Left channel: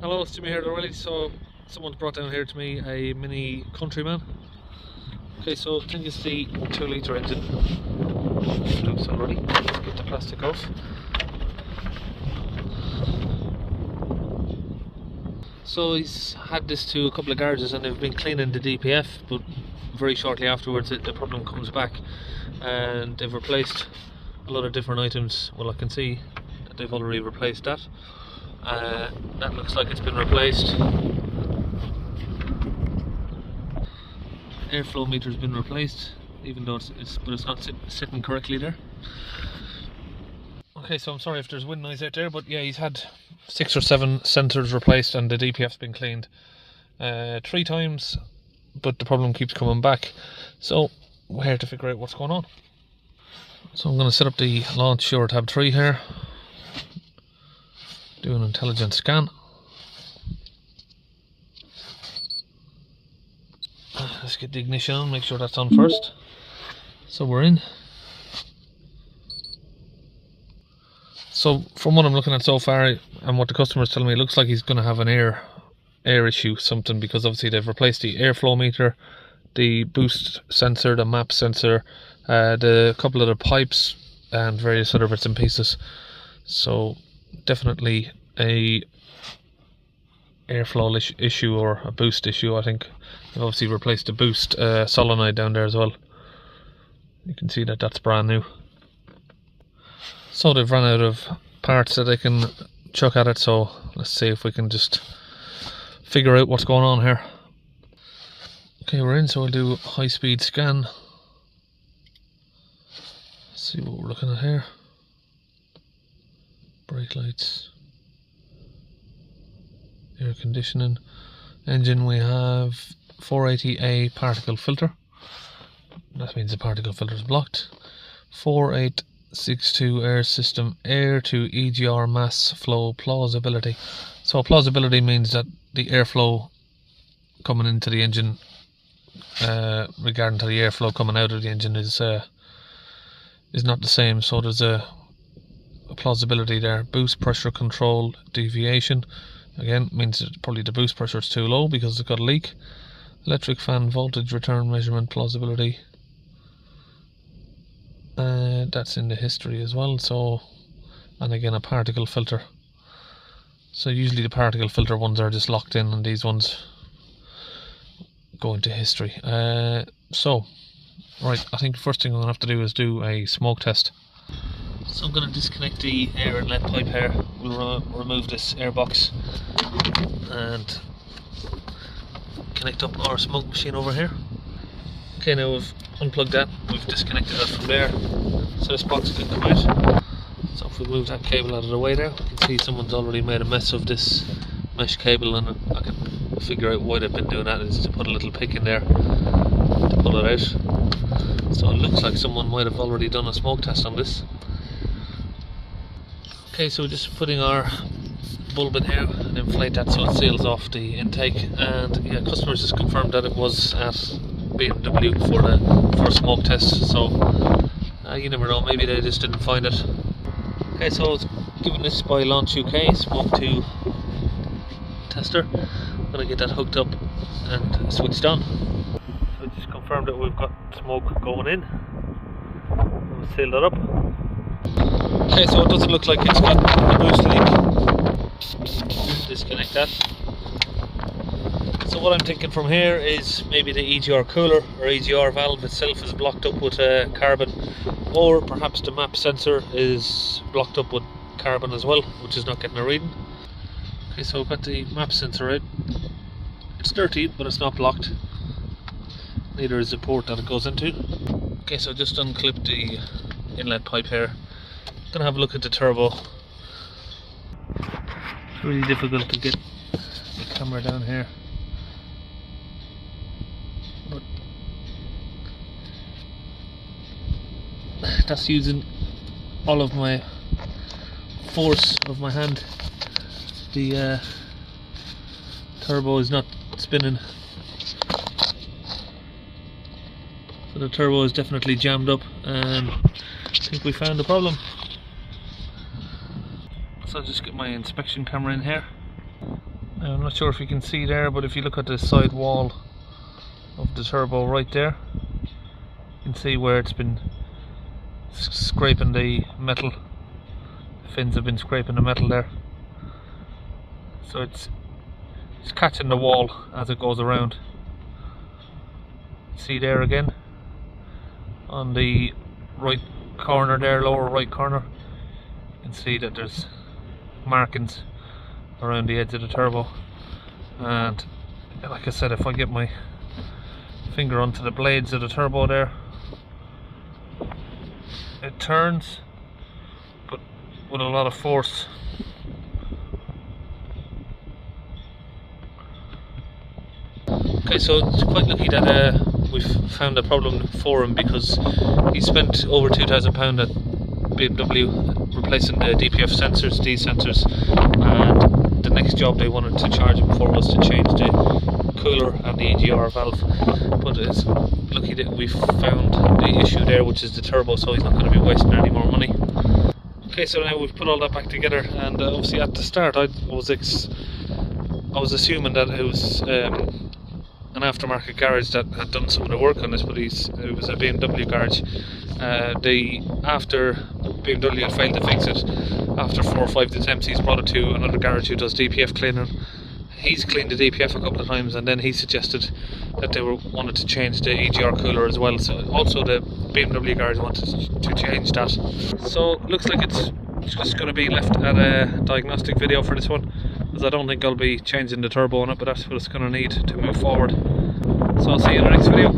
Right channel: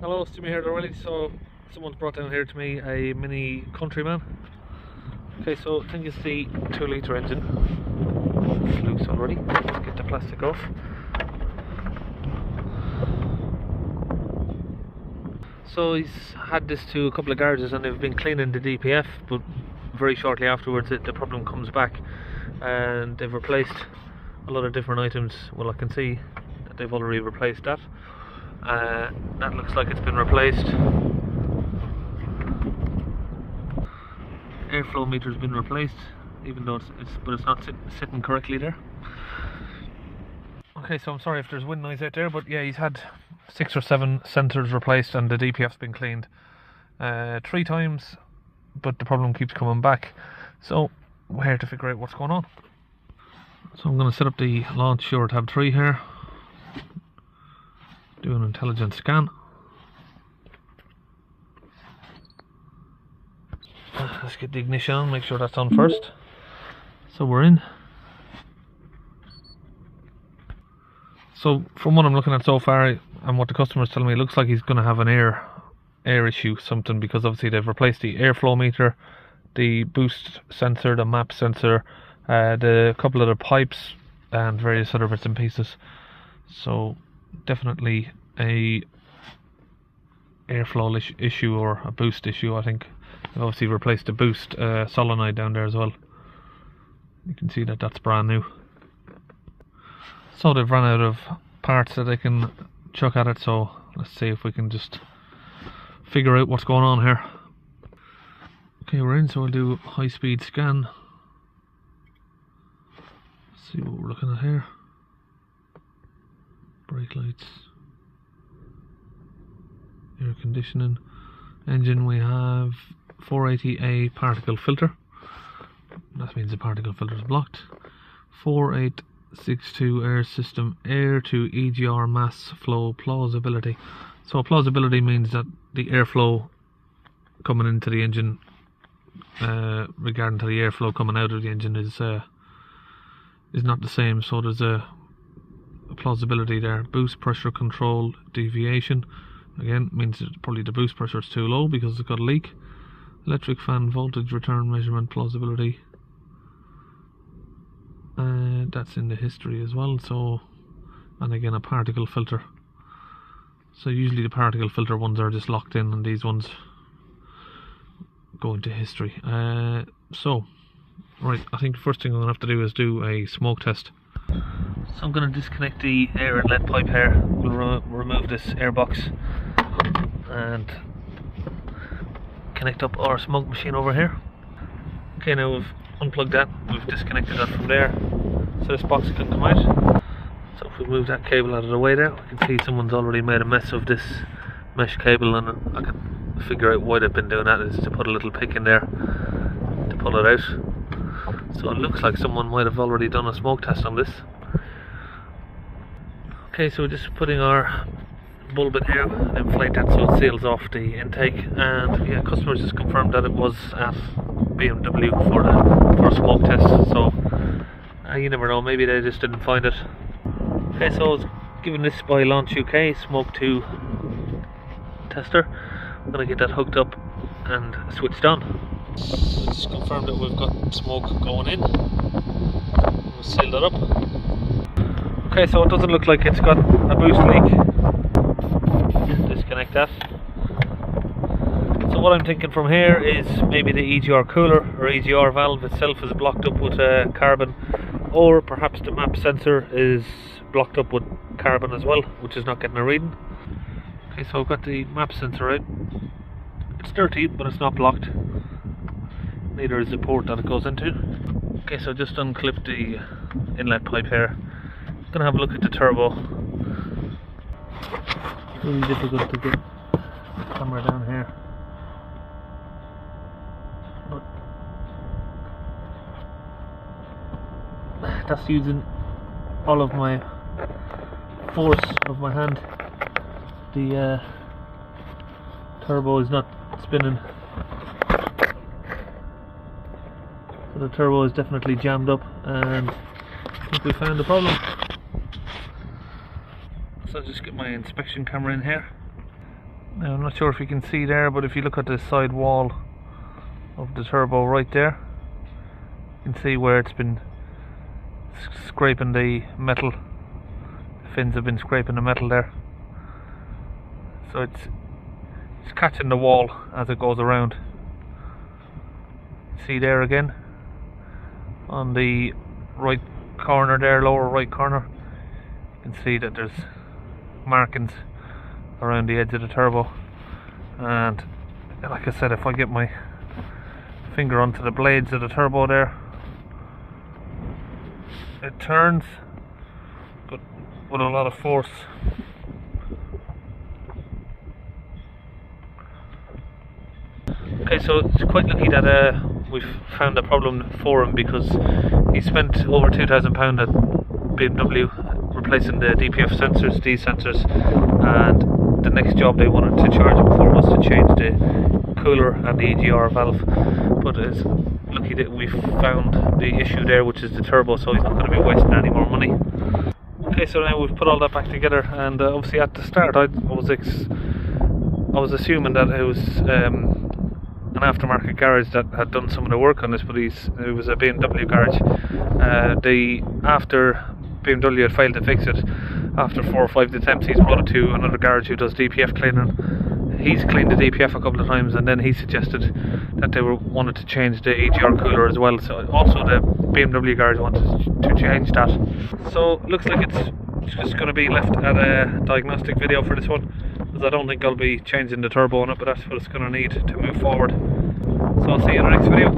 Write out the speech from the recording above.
Hello, it's Jimmy here already. So someone's brought down here to me a Mini Countryman. Okay, so I think it's the 2-litre engine. Looks already. Get the plastic off. So he's had this to a couple of garages and they've been cleaning the DPF, but very shortly afterwards the problem comes back and they've replaced a lot of different items. Well, I can see that they've already replaced that. That looks like it's been replaced. Airflow meter's been replaced, even though it's not sitting correctly there. Okay, so I'm sorry if there's wind noise out there, but yeah, he's had 6 or 7 sensors replaced and the DPF's been cleaned 3 times, but the problem keeps coming back. So we're here to figure out what's going on. So I'm going to set up the launch Sure tab 3 here. Do an intelligent scan. Let's get the ignition on, make sure that's on first. So we're in. So from what I'm looking at so far and what the customer's telling me, it looks like he's going to have an air issue, something, because obviously they've replaced the airflow meter, the boost sensor, the map sensor, the couple of the pipes and various other bits and pieces. So definitely a airflow issue or a boost issue. I think they've obviously replaced the boost solenoid down there as well. You can see that that's brand new. So they've run out of parts that they can chuck at it, so let's see if we can just figure out what's going on here. Okay, we're in, so we'll do a high-speed scan. Let's see what we're looking at here. Brake lights, air conditioning, engine. We have 480A particle filter. That means the particle filter is blocked. 4862 air system, air to EGR mass flow plausibility. So plausibility means that the airflow coming into the engine, regarding to the airflow coming out of the engine, is not the same. So there's a plausibility there. Boost pressure control deviation, again means that probably the boost pressure is too low because it's got a leak. Electric fan voltage return measurement plausibility, that's in the history as well. So, and again a particle filter. So usually the particle filter ones are just locked in and these ones go into history. So right, I think the first thing I'm going to have to do is do a smoke test. So I'm going to disconnect the air inlet pipe here. We'll remove this air box and connect up our smoke machine over here. Okay, now we've unplugged that, we've disconnected that from there, so this box can come out. So if we move that cable out of the way there, we can see someone's already made a mess of this mesh cable, and I can figure out why they've been doing that, is to put a little pick in there to pull it out. So it looks like someone might have already done a smoke test on this. Okay, so we're just putting our bulb in here and inflate that so it seals off the intake, and yeah, customers just confirmed that it was at BMW for a smoke test, so you never know, maybe they just didn't find it. Okay, so I was given this by Launch UK Smoke 2 tester. I'm going to get that hooked up and switched on. So just confirmed that we've got smoke going in. We'll seal that up. Okay, so it doesn't look like it's got a boost leak. Disconnect that. So what I'm thinking from here is maybe the EGR cooler or EGR valve itself is blocked up with carbon, or perhaps the map sensor is blocked up with carbon as well, which is not getting a reading. Okay, so I've got the map sensor out. It's dirty, but it's not blocked. Neither is the port that it goes into. Okay, so just unclip the inlet pipe here. Gonna have a look at the turbo. It's really difficult to get the camera down here, but that's using all of my force of my hand. The turbo is not spinning. So the turbo is definitely jammed up, and I think we found the problem. So I'll just get my inspection camera in here. Now I'm not sure if you can see there, but if you look at the side wall of the turbo right there, you can see where it's been scraping the metal. The fins have been scraping the metal there. So it's catching the wall as it goes around. See there again on the right corner there, lower right corner, you can see that there's markings around the edge of the turbo. And like I said, if I get my finger onto the blades of the turbo there, it turns, but with a lot of force. Okay, so it's quite lucky that we've found a problem for him, because he spent over £2,000 at BMW replacing the DPF sensors, these sensors, and the next job they wanted to charge him for was to change the cooler and the EGR valve. But it's lucky that we found the issue there, which is the turbo, so he's not going to be wasting any more money. Okay, so now we've put all that back together, and obviously at the start I was assuming that it was an aftermarket garage that had done some of the work on this, but it was a BMW garage. After BMW had failed to fix it, after 4 or 5 attempts, he's brought it to another garage who does DPF cleaning. He's cleaned the DPF a couple of times, and then he suggested that they wanted to change the EGR cooler as well. So also the BMW garage wanted to change that. So looks like it's just going to be left at a diagnostic video for this one, because I don't think I'll be changing the turbo on it, but that's what it's going to need to move forward. So I'll see you in the next video.